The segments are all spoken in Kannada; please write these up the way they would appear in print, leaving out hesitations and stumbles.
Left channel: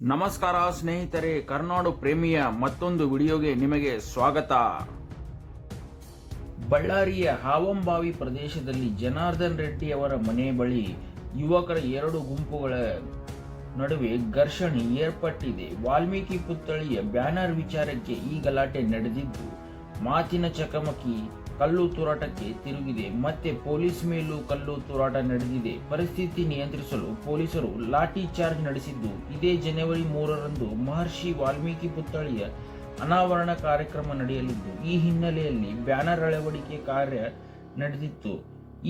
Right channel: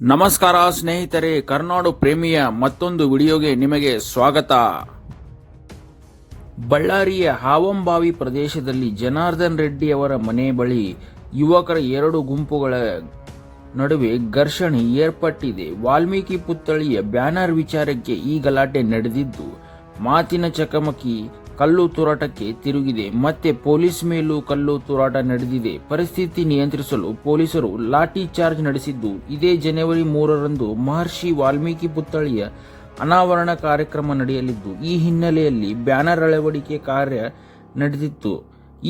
ನಮಸ್ಕಾರ ಸ್ನೇಹಿತರೆ, ಕರ್ನಾಡು ಪ್ರೇಮಿಯ ಮತ್ತೊಂದು ವಿಡಿಯೋಗೆ ನಿಮಗೆ ಸ್ವಾಗತ. ಬಳ್ಳಾರಿಯ ಹಾವಂಬಾವಿ ಪ್ರದೇಶದಲ್ಲಿ ಜನಾರ್ದನ್ ರೆಡ್ಡಿ ಅವರ ಮನೆ ಬಳಿ ಯುವಕರ ಎರಡು ಗುಂಪುಗಳ ನಡುವೆ ಘರ್ಷಣೆ ಏರ್ಪಟ್ಟಿದೆ. ವಾಲ್ಮೀಕಿ ಪುತ್ಥಳಿಯ ಬ್ಯಾನರ್ ವಿಚಾರಕ್ಕೆ ಈ ಗಲಾಟೆ ನಡೆದಿದ್ದು, ಮಾತಿನ ಚಕಮಕಿ ಕಲ್ಲು ತೂರಾಟಕ್ಕೆ ತಿರುಗಿದೆ. ಮತ್ತೆ ಪೊಲೀಸ್ ಮೇಲೂ ಕಲ್ಲು ತೂರಾಟ ನಡೆದಿದೆ. ಪರಿಸ್ಥಿತಿ ನಿಯಂತ್ರಿಸಲು ಪೊಲೀಸರು ಲಾಠಿ ಚಾರ್ಜ್ ನಡೆಸಿದ್ದು, ಇದೇ ಜನವರಿ 3ರಂದು ಮಹರ್ಷಿ ವಾಲ್ಮೀಕಿ ಪುತ್ಥಳಿಯ ಅನಾವರಣ ಕಾರ್ಯಕ್ರಮ ನಡೆಯಲಿದ್ದು, ಈ ಹಿನ್ನೆಲೆಯಲ್ಲಿ ಬ್ಯಾನರ್ ಅಳವಡಿಕೆ ಕಾರ್ಯ ನಡೆದಿತ್ತು.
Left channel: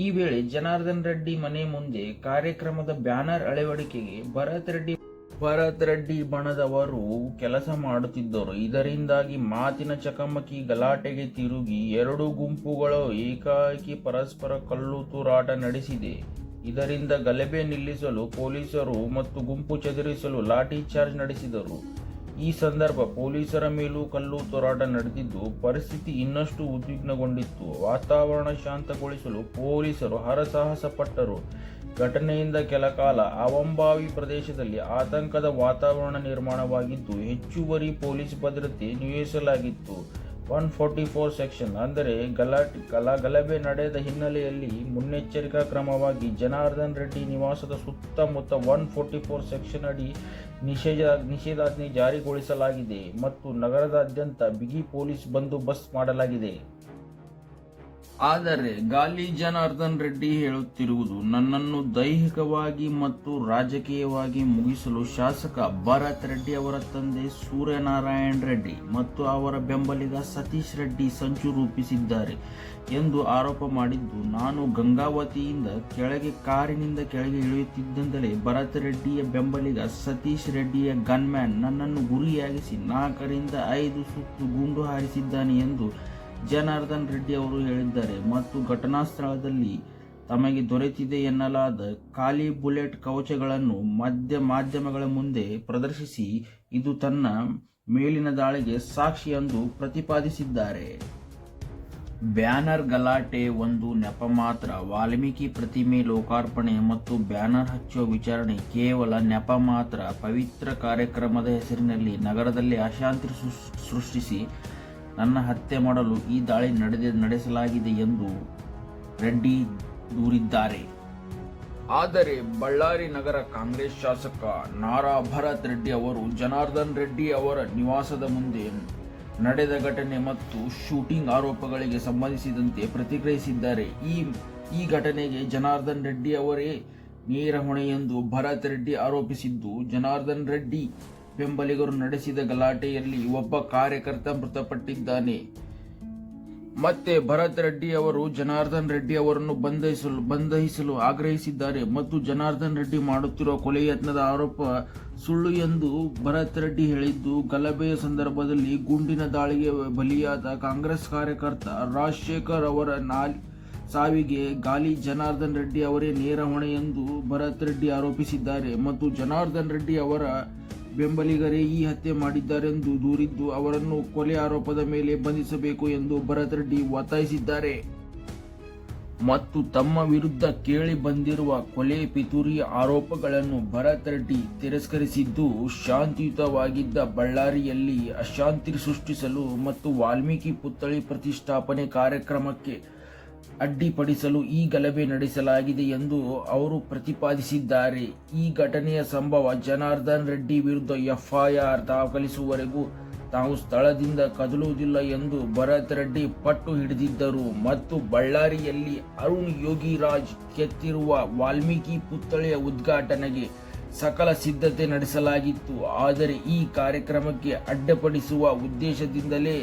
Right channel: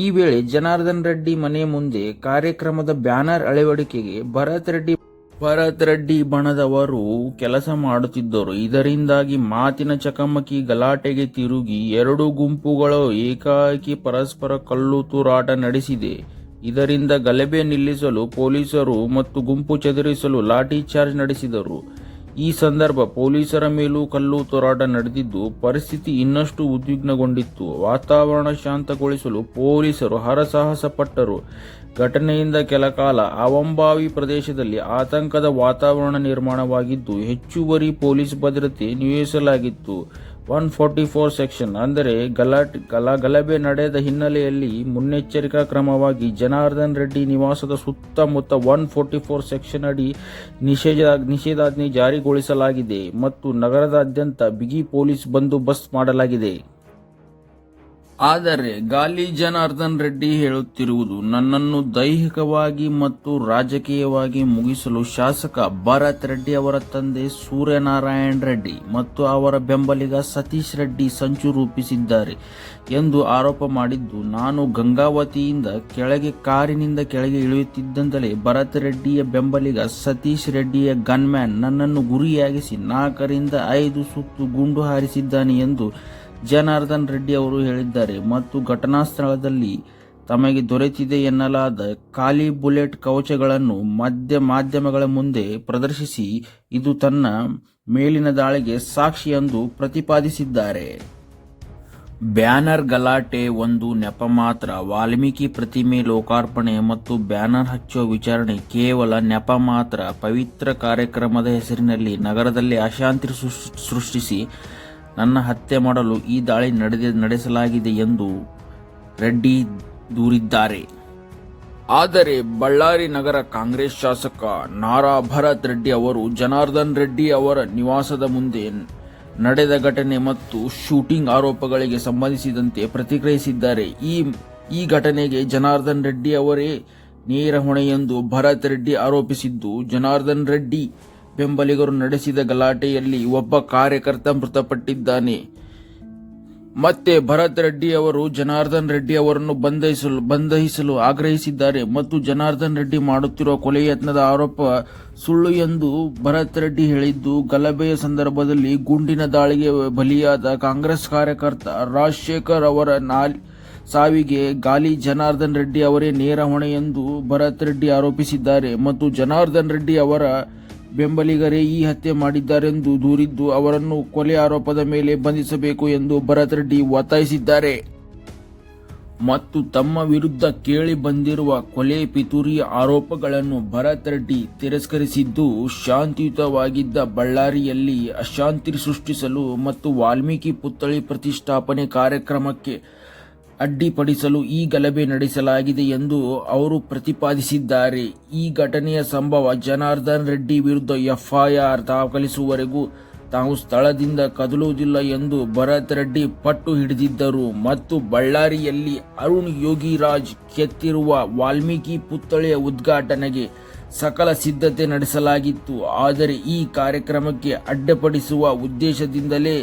ಈ ವೇಳೆ ಜನಾರ್ದನ್ ರೆಡ್ಡಿ ಮನೆ ಮುಂದೆ ಕಾರ್ಯಕ್ರಮದ ಬ್ಯಾನರ್ ಅಳವಡಿಕೆಗೆ ಭರತ್ ರೆಡ್ಡಿ ಬಣದವರು ಕೆಲಸ ಮಾಡುತ್ತಿದ್ದರು. ಇದರಿಂದಾಗಿ ಮಾತಿನ ಚಕಮಕಿ ಗಲಾಟೆಗೆ ತಿರುಗಿ ಎರಡು ಗುಂಪುಗಳು ಏಕಾಏಕಿ ಪರಸ್ಪರ ಕಲ್ಲು ತೂರಾಟ ನಡೆಸಿದೆ. ಇದರಿಂದ ಗಲಭೆ ನಿಲ್ಲಿಸಲು ಪೊಲೀಸರು ಮತ್ತು ಗುಂಪು ಚದುರಿಸಲು ಲಾಠಿ ಚಾರ್ಜ್ ನಡೆಸಿದರು. ಈ ಸಂದರ್ಭ ಪೊಲೀಸರ ಮೇಲೂ ಕಲ್ಲು ತೂರಾಟ ನಡೆದಿದ್ದು, ಪರಿಸ್ಥಿತಿ ಇನ್ನಷ್ಟು ಉದ್ವಿಗ್ನಗೊಂಡಿತ್ತು. ವಾತಾವರಣ ಶಾಂತಗೊಳಿಸಲು ಪೊಲೀಸರು ಹರಸಾಹಸ ಪಟ್ಟರು. ಘಟನೆಯಿಂದ ಕೆಲಕಾಲ ಹಾವಂಬಾವಿ ಪ್ರದೇಶದಲ್ಲಿ ಆತಂಕದ ವಾತಾವರಣ ನಿರ್ಮಾಣವಾಗಿದ್ದು, ಹೆಚ್ಚುವರಿ ಪೊಲೀಸ್ ಭದ್ರತೆ ನಿಯೋಜಿಸಲಾಗಿತ್ತು. 144 ಸೆಕ್ಷನ್ ಅಂದರೆ ಗಲಭೆ ನಡೆದ ಹಿನ್ನೆಲೆಯಲ್ಲಿ ಮುನ್ನೆಚ್ಚರಿಕಾ ಕ್ರಮವಾಗಿ ಜನಾರ್ದನ್ ರೆಡ್ಡಿ ನಿವಾಸದ ಸುತ್ತಮುತ್ತ 144 ಸೆಕ್ಷನ್ ಅಡಿ ನಿಷೇಧಾಜ್ಞೆ ಜಾರಿಗೊಳಿಸಲಾಗಿದೆ ಮತ್ತು ನಗರದಾದ್ಯಂತ ಬಿಗಿ ಪೊಲೀಸ್ ಬಂದೋಬಸ್ತ್ ಮಾಡಲಾಗಿದೆ. ಆದರೆ ಗಾಲಿ ಜನಾರ್ದನ್ ರೆಡ್ಡಿ ಹೇಳುತ್ತಿರುವುದು, ನನ್ನನ್ನು ದೈಹಿಕವಾಗಿ ಮತ್ತು ರಾಜಕೀಯವಾಗಿ ಮುಗಿಸಲು ಶಾಸಕ ಭರತ್ ರೆಡ್ಡಿ ಅವರ ತಂದೆ ಸೂರ್ಯನಾರಾಯಣ್ ರೆಡ್ಡಿ ಮತ್ತು ಅವರ ಬೆಂಬಲಿಗ ಸತೀಶ್ ರೆಡ್ಡಿ ಸಂಚು ರೂಪಿಸಿದ್ದಾರೆ ಎಂದು ಆರೋಪ ಮಾಡಿದ್ದು, ನಾನು ಗಂಗಾವತಿಯಿಂದ ಕಾರಿನಿಂದ ಕೆಳಗೆ ಇಳಿಯುತ್ತಿದ್ದಂತಲೇ ಭರತ್ ರೆಡ್ಡಿಯ ಬೆಂಬಲಿಗ ಸತೀಶ್ ರೆಡ್ಡಿಯ ಗನ್ಮ್ಯಾನ್ ನನ್ನನ್ನು ಗುರಿಯಾಗಿಸಿ 4ರಿಂದ 5 ಸುತ್ತು ಗುಂಡು ಹಾರಿಸಿದ್ದಾನೆ ಎಂದು ಜನಾರ್ದನ್ ರೆಡ್ಡಿ ಅವರು ಹೇಳಿದ್ದಾರೆ ಮತ್ತು ಘಟನಾ ಸ್ಥಳದಲ್ಲಿ ತಮಗೆ ದೊರೆತಿದೆ ಎನ್ನಲಾದ ಖಾಲಿ ಬುಲೆಟ್ ಕವಚಗಳನ್ನು ಮಾಧ್ಯಮಗಳ ಮುಂದೆ ಪ್ರದರ್ಶಿಸಿ ಇದು ತನ್ನ ಮೇಲಿನ ದಾಳಿಗೆ ಸಾಕ್ಷಿ ಎಂದು ಪ್ರತಿಪಾದಿಸಿದ್ದಾರೆ. ಬ್ಯಾನರ್ ಗಲಾಟೆ ಒಂದು ನೆಪ ಮಾತ್ರ. ವಾಲ್ಮೀಕಿ ಪ್ರತಿಮೆ ಲೋಕಾರ್ಪಣೆ ಮತ್ತು ಬ್ಯಾನರ್ ಹಚ್ಚುವ ವಿಚಾರಣೆ ಕೇವಲ ನೆಪ ಮಾತ್ರ. ಪವಿತ್ರ ಕಾರ್ಯಕ್ರಮದ ಹೆಸರಿನಲ್ಲಿ ನಗರದಲ್ಲಿ ಅಶಾಂತಿ ಸೃಷ್ಟಿಸಿ ನನ್ನ ಹತ್ಯೆ ಮಾಡಲು ಈ ದಾಳಿ ನಡೆಸಲಾಗಿದೆ ಎಂದು ರೆಡ್ಡಿ ದೂರಿದ್ದಾರೆ. ಆದರೆ ಬಳ್ಳಾರಿ ನಗರ ಕಾಂಗ್ರೆಸ್ ಶಾಸಕ ನಾರಾ ಭರತ್ ರೆಡ್ಡಿ ಅವರು ಜನಾರ್ದನ್ ರೆಡ್ಡಿ ಅವರ ನಿವಾಸದ ಮುಂದೆ ನಡೆದ ಘಟನೆ ಮತ್ತು ಶೂಟಿಂಗ್ ಆರೋಪಗಳಿಗೆ ಸಂಬಂಧಿಸಿದಂತೆ ಪ್ರತಿಕ್ರಿಯಿಸಿದ್ದಾರೆ. ಈ ಘಟನೆಗೆ ಜನಾರ್ದನ್ ರೆಡ್ಡಿ ಅವರೇ ನೇರ ಹೊಣೆ ಎಂದು ಭರತ್ ರೆಡ್ಡಿ ಆರೋಪಿಸಿದ್ದು, ಜನಾರ್ದನ್ ರೆಡ್ಡಿ ಬೆಂಬಲಿಗರು ನಡೆಸಿದ ಗಲಾಟೆಯಲ್ಲಿ ಒಬ್ಬ ಕಾರ್ಯಕರ್ತ ಮೃತಪಟ್ಟಿದ್ದಾನೆ. ಮತ್ತೆ ಭರತ್ ರೆಡ್ಡಿ ಅವರು ಜನಾರ್ದನ್ ರೆಡ್ಡಿ ಅವರನ್ನು ಬಂಧಿಸಲು ಆಗ್ರಹಿಸಿದ್ದಾರೆ ಮತ್ತು ಜನಾರ್ದನ್ ರೆಡ್ಡಿ ಮಾಡುತ್ತಿರುವ ಕೊಲೆ ಯತ್ನದ ಆರೋಪ ಸುಳ್ಳು ಎಂದು ಭರತ್ ರೆಡ್ಡಿ ಹೇಳಿದ್ದು, ಗಲಭೆಯ ಸಂದರ್ಭದಲ್ಲಿ ಗುಂಡಿನ ದಾಳಿಗೆ ಬಲಿಯಾದ ಕಾಂಗ್ರೆಸ್ ಕಾರ್ಯಕರ್ತ ರಾಜಶೇಖರ್ ಅವರ ಸಾವಿಗೆ ಗಾಲಿ ಜನಾರ್ದನ್ ರೆಡ್ಡಿ ಅವರೇ ನೇರ ಹೊಣೆ ಎಂದು ಭರತ್ ರೆಡ್ಡಿ ಆರೋಪಿಸಿದ್ದಾರೆ ಮತ್ತು ಜನಾರ್ದನ್ ರೆಡ್ಡಿ ಅವರ ಬೆಂಬಲಿಗರೇ ಈ ಹತ್ಯೆ ಮಾಡಿದ್ದಾರೆಂದು ದೂರಿದ್ದು, ಅವರನ್ನು ಕೊಲೆ ಆರೋಪದ ಮೇಲೆ ಬಂಧಿಸಬೇಕು ಎಂದು ಭರತ್ ರೆಡ್ಡಿ ಒತ್ತಾಯಿಸಿದ್ದಾರೆ. ಮತ್ತು ತಮ್ಮ ವಿರುದ್ಧ ಕೇಳಿ ಬಂದಿರುವ ಕೊಲೆ ಪಿತೂರಿ ಆರೋಪಗಳನ್ನು ಭರತ್ ರೆಡ್ಡಿ ತಿರಸ್ಕರಿಸಿದ್ದು, ಶಾಂತಿಯುತವಾಗಿದ್ದ ಬಳ್ಳಾರಿಯಲ್ಲಿ ಅಶಾಂತಿ ಸೃಷ್ಟಿಸಲು ಮತ್ತು ವಾಲ್ಮೀಕಿ ಪುತ್ಥಳಿ ಪ್ರತಿಷ್ಠಾಪನೆ ಕಾರ್ಯಕ್ರಮಕ್ಕೆ ಅಡ್ಡಿಪಡಿಸಲು ಈ ಗಲಭೆ ನಡೆಸಲಾಗಿದೆ ಎಂದು ಅವರು ಪ್ರತಿಪಾದಿಸಿದ್ದಾರೆ. ಈ ಘಟನೆಯ ಸಂಭವ ಜನಾರ್ದನ್ ರೆಡ್ಡಿ ವಿರುದ್ಧ ಎಫ್ಐಆರ್ ದಾಖಲಿಸುವವರೆಗೂ ತಾವು ಸ್ಥಳದಿಂದ ಕದಲುವುದಿಲ್ಲ ಎಂದು ಭರತ್ ರೆಡ್ಡಿ ಪಟ್ಟು ಹಿಡಿದಿದ್ದರು ಮತ್ತು ಬಳ್ಳಾರಿಯಲ್ಲಿ ಅರುಣ್ ಯೋಗಿರಾಜ್ ಕೆತ್ತಿರುವ ವಾಲ್ಮೀಕಿ ಪುತ್ಥಳಿಯ ಉದ್ಘಾಟನೆಗೆ ಸಕಲ ಸಿದ್ಧತೆ ನಡೆಸಲಾಗಿತ್ತು. ಆದರೆ ಈ ಕಾರ್ಯಕ್ರಮಕ್ಕೆ ಅಡ್ಡಿಪಡಿಸುವ ಉದ್ದೇಶದಿಂದಲೇ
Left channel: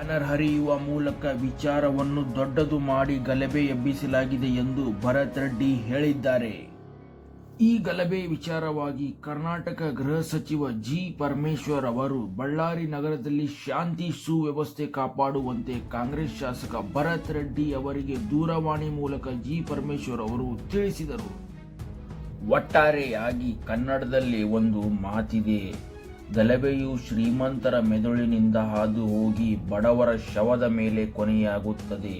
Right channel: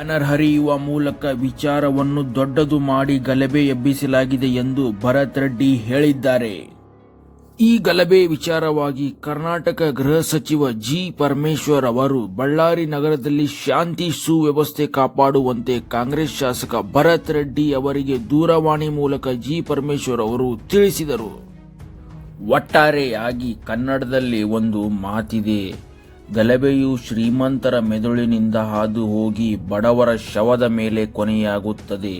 ಬ್ಯಾನರ್ ಹರಿಯುವ ಮೂಲಕ ವಿಚಾರವನ್ನು ದೊಡ್ಡದು ಮಾಡಿ ಗಲಭೆ ಎಬ್ಬಿಸಲಾಗಿದೆ ಎಂದು ಭರತ್ ರೆಡ್ಡಿ ಹೇಳಿದ್ದಾರೆ. ಈ ಗಲಭೆ ವಿಚಾರವಾಗಿ ಕರ್ನಾಟಕ ಗೃಹ ಸಚಿವ ಜಿ ಪರಮೇಶ್ವರ್ ಅವರು ಬಳ್ಳಾರಿ ನಗರದಲ್ಲಿ ಶಾಂತಿ ಸುವ್ಯವಸ್ಥೆ ಕಾಪಾಡುವಂತೆ ಕಾಂಗ್ರೆಸ್ ಶಾಸಕ ಭರತ್ ರೆಡ್ಡಿ ಅವರಿಗೆ ದೂರವಾಣಿ ಮೂಲಕ ಜಿ ಪರಮೇಶ್ವರ್ ಅವರು ತಿಳಿಸಿದರು. ಒಟ್ಟಾರೆಯಾಗಿ ಕನ್ನಡದಲ್ಲಿ ಒಂದು ಮಾತಿದೆ, ಗಲಭೆಯು ಶ್ರೀಮಂತರ ಮೆದುಳಿನಿಂದ ಹಾದು ಹೋಗಿ ಬಡವರ ಶವದ ಮೇಲೆ ಕೊನೆಯಾಗುತ್ತದೆ.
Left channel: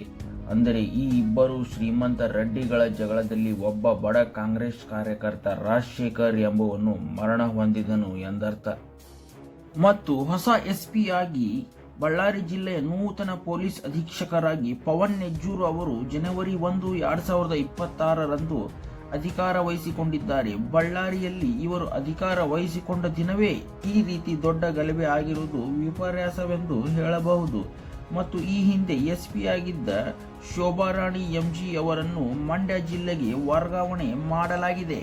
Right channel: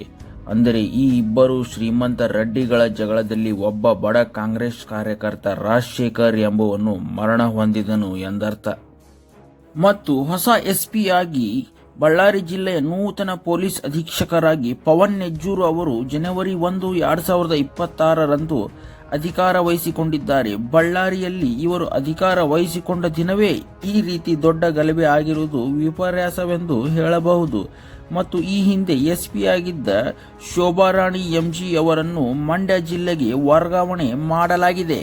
ಅಂದರೆ ಈ ಇಬ್ಬರು ಶ್ರೀಮಂತ ರೆಡ್ಡಿಗಳ ಜಗಳದಲ್ಲಿ ಒಬ್ಬ ಬಡ ಕಾಂಗ್ರೆಸ್ ಕಾರ್ಯಕರ್ತ ರಾಜಶೇಖರ್ ಎಂಬುವನು ಮರಣ ಹೊಂದಿದನು ಎಂದರ್ಥ. ಮತ್ತು ಹೊಸ ಎಸ್ಪಿ ಆಗಿ ಬಳ್ಳಾರಿ ಜಿಲ್ಲೆಯ ನೂತನ ಪೊಲೀಸ್ ಅಧೀಕ್ಷಕರಾಗಿ ಪವನ್ ನೆಜ್ಜೂರು ಅವರು ಜನವರಿ 1, 2026ರಂದು ಅಧಿಕಾರ ವಹಿಸಿಕೊಂಡಿದ್ದಾರೆ. ಬಳ್ಳಾರಿಯಲ್ಲಿ ಇವರು ಅಧಿಕಾರ ವಹಿಸಿಕೊಂಡ ದಿನವೇ ಈ ರೀತಿ ದೊಡ್ಡ ಗಲಭೆ ಆಗಿರುವುದು ವಿಪರ್ಯಾಸವೆಂದು ಹೇಳಬಹುದು. ಮತ್ತು ಈ ಹಿಂದೆ ಎಸ್ಪಿ ಆಗಿದ್ದ ಶೋಭಾರಾಣಿ ಎಂಜಿ ಅವರನ್ನು ಮಂಡ್ಯ ಜಿಲ್ಲೆಗೆ ವರ್ಗಾವಣೆ ಮಾಡಲಾಗಿದೆ.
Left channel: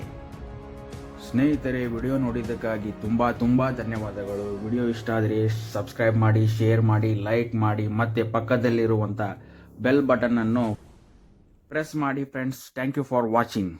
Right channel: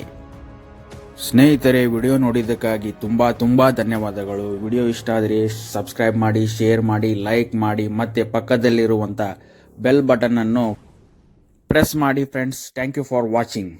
ಸ್ನೇಹಿತರೆ, ವಿಡಿಯೋ ನೋಡಿದ್ದಕ್ಕಾಗಿ ತುಂಬಾ ಧನ್ಯವಾದಗಳು. ವಿಡಿಯೋ ಇಷ್ಟ ಆದರೆ ಸಬ್ಸ್ಕ್ರೈಬ್ ಮಾಡಿ, ಶೇರ್ ಮಾಡಿ, ಲೈಕ್ ಮಾಡಿ, ಮತ್ತೆ ಪಕ್ಕದಲ್ಲಿರುವಂಥ ಬೆಲ್ ಬಟನ್ ಅನ್ನು ಪ್ರೆಸ್ ಮಾಡಿ friends. Thank you for watching.